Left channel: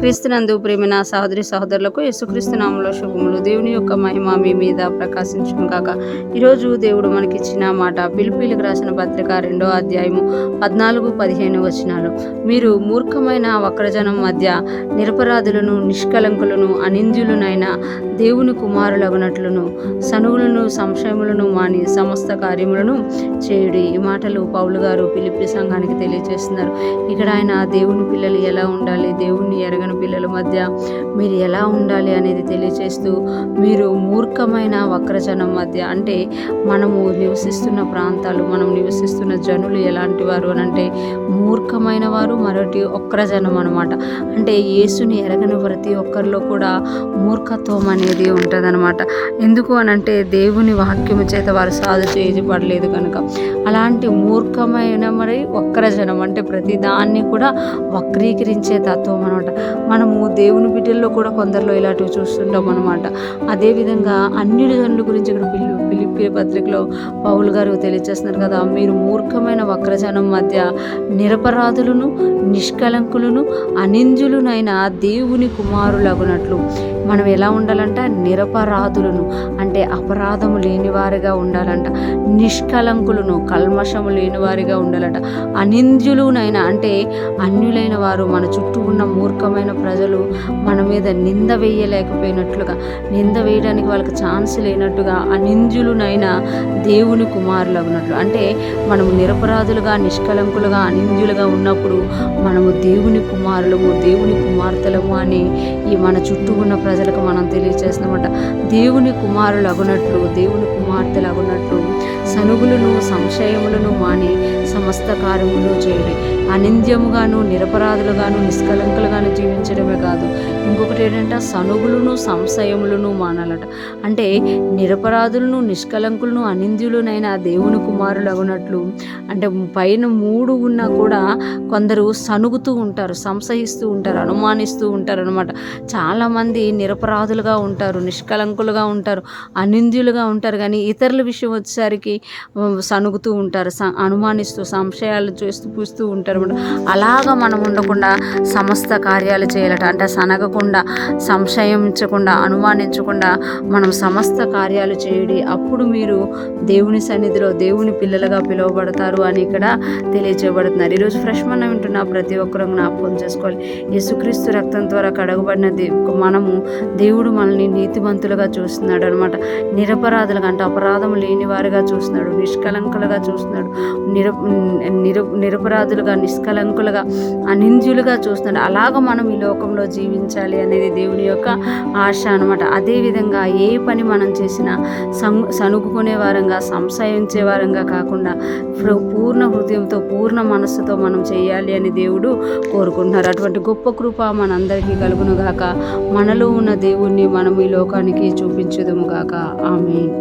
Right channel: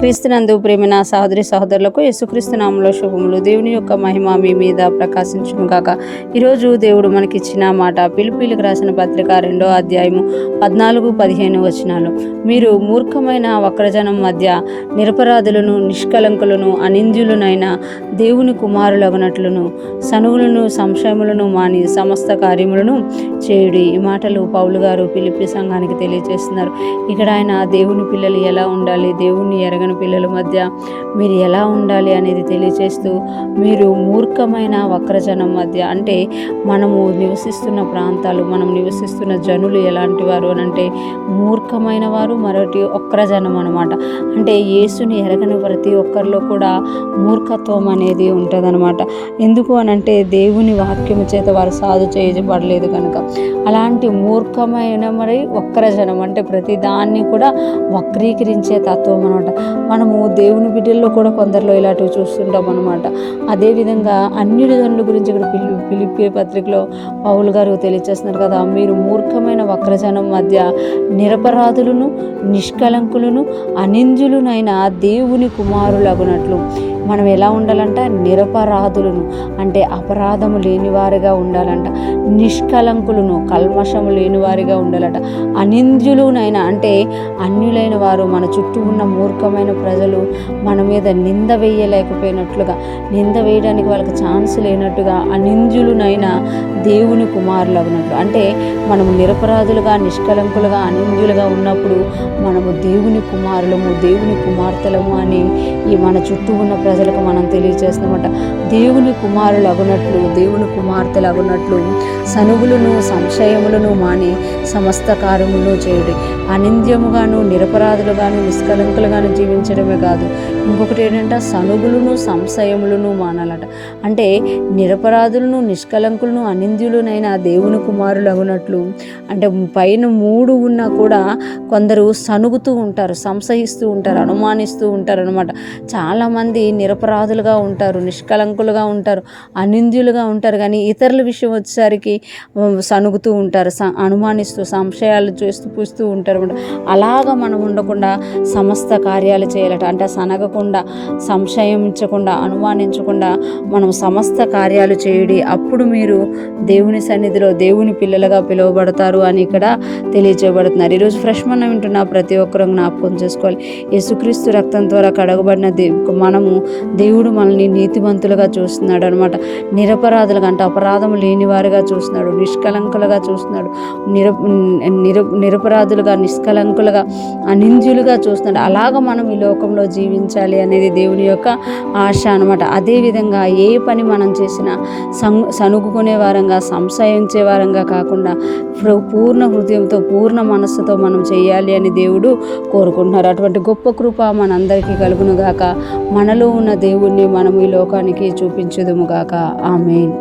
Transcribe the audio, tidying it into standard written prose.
క్రీస్తునందు ప్రేమ సహోదరి సహోదరులకు యేసుక్రీస్తు నామములో శుభములు. దేవుని యొక్క మహిమ మీ మీద ప్రకాశించును గాక. ఈరోజు దేవుడు మనకిచ్చిన మాట ఫిలిప్పీయులకు రాసిన పత్రిక 2వ అధ్యాయము 14-15 వచనాలు. మీరు మూర్ఖమైన వక్రజనం మధ్య నిరపరాధులను, నిష్కలంకులను, అనింద్యులనైన దేవుని కుమారులగునట్లును సనుగులను, సంశయములను మాని సమస్త కార్యములను చేయుడి. ఈ మాటలు పౌలు గారు ఫిలిప్పీ సంఘానికి తెలియజేస్తున్నారు. ఇక్కడ ఆయన దేవుని పిల్లలు ఎలా ఉండాలి, దేవుని ఎరగని పిల్లల మధ్య మీరు ఎలా ఉండాలి అనేది తెలియజేస్తూ, మీరు మూర్ఖమైన వక్రజనం మధ్య అంటే మనము నివసిస్తున్న ప్రాంతాలు, మనం నివసిస్తున్న జనులు ఎలాంటి వారు అని అంటే మూర్ఖమైన వారు, మరొకటి వక్రజనం అనమాట. అంటే యేసుని ఎరగని ప్రతి ఒక్కరిలో కూడా మూర్ఖత్వం అనేది ఉంటుందన్నమాట. ఎందుకు అనంటే దేవుని వాక్యము చేత వారు సాధు చేయబడలేదు కనుక. అలాంటి మూర్ఖమైన మరి వక్రజనం అంటే ప్రతి దాన్ని కూడా వక్రీకరించే తత్వం అనమాట. మనము దేవుని బిడ్డల్లో కూడా కొందరిలో ఇలాంటివి చూస్తుంటాం అనమాట. అదేవిధంగా అన్యుల జనుల గురించి ఇక్కడ ఫిలిప్పీ పత్రికలో పౌలు గారు తెలియజేస్తున్నారు కదా, మీరు మూర్ఖమైన వక్రజనం మధ్య నిరపరాధులను, నిష్కలంకులను, అనింద్యులనైన దేవుని కుమారులగునట్లు. మనం ఎలా ఉండాలంట? నిరపరాధులను అంటే అపరాధము లేనివారిగా ఉండాలంట. నిష్కలంకులను కల్మషము లేనివారిగా ఉండాలంట. అనింద్యులునైనా అంటే అన్యులైన వారు, మన చుట్టూ ఉన్న మూర్ఖమైన ప్రజలు మన మీద నింద వేయలేకపోయినట్లుగా, నింద వేయడానికి వాళ్ళకి ఛాన్స్ లేనట్టుగా అనింద్యులునైనా దేవుని కుమారులగునట్లు. అంటే మనము నిరపరాధులుగా, నిష్కలంకులుగా, అనింద్యులుగా ఉన్నప్పుడు మనము దేవుని కుమారులము, దేవుని కుమార్తెలము అని ఈ మన చుట్టూ ఉన్న ప్రజలకు మనం తెలియజేస్తామట. దేవుని కుమారులు అగునట్లు, దేవుని కుమార్తెలు అగునట్లు సనుగులను, సంశయములను మాని సమస్త కార్యములు చేయుడి. అనింద్యముగాను, నిరపరాధులుగాను, నిష్కలంకులుగాను జీవించడమే కాదు, ఇంకొకటి ఏంటంటే సనుగులను, సంశయములను మానాలట. అంటే నిరపరాధులను, నిష్కలంకులను, అనింద్యులనైనా దేవుని కుమారులు అగునట్లు. అంటే పైన 3 ఉన్నా కూడా కొందరు సనుగుతూ ఉంటారు, సంశయిస్తూ ఉంటారు, అనుమానిస్తూ ఉంటారు అనమాట. చాలామంది నిరపరాధులుగా ఉంటారు, నిష్కలంకులుగా ఉంటారు, అనింద్యులుగా ఉంటారు. కానీ ఇతరుల విషయం వచ్చేసరికి సనుగుతూ ఉంటారు, అనుమానిస్తూ సంశయాలు చేస్తూ పూస్తూ ఉంటారు అనమాట. అలాగా మనం ఉండకుండా సమస్త కార్యాలు చేయాలట. అంటే సనగకుండా, సంశయించకుండా, అనుమానించకుండా మనం సమస్త కార్యాలు చేయుడి. అప్పుడు మీరు దేవుని సన్నిధిలో దేవుని పిల్లలుగా పిలువబడతారు అని ఇక్కడ తెలియజేయబడుతున్నారు. ఈరోజు ఫ్రెష్ మనం వింటున్న ప్రతి ఒక్కరూ జ్ఞాపకం చేసుకోవాలి. యేసుక్రీస్తు రక్తం ద్వారా కడగబడిన మనము దేవుడు మనల్ని నీతిమంతులుగా చూస్తున్నాడు అనమాట. నిరపరాధులుగా అంటే అపరాధం లేని వారుగా చూస్తున్నాడు, నిష్కలంకులుగా చూస్తున్నాడు, నిరపరాధులుగా, నిష్కలంకులుగా, అనింద్యులుగా చూస్తున్నాడు. అలాగ మనం ఈ లోకంలో జీవించాలి అనేది దేవుని యొక్క ఆశ అనమాట. అదేవిధంగా ఏ పని మనం చేసినా సనుగుకునే వారంగా, సంశయించే వారంగా కాకుండా పూర్ణ హృదయంతో, పూర్ణ మనస్సుతో మనం చేయాలి అని దేవుడు కోరుకుంటున్నారు. అటువంటి గొప్ప కృప మనందరికీ కలుగునుగాక. మనలో ఉన్న దేవుణ్ణి మనం ఈ లోకానికి చూపించుదుముగాక. ఆమేన్.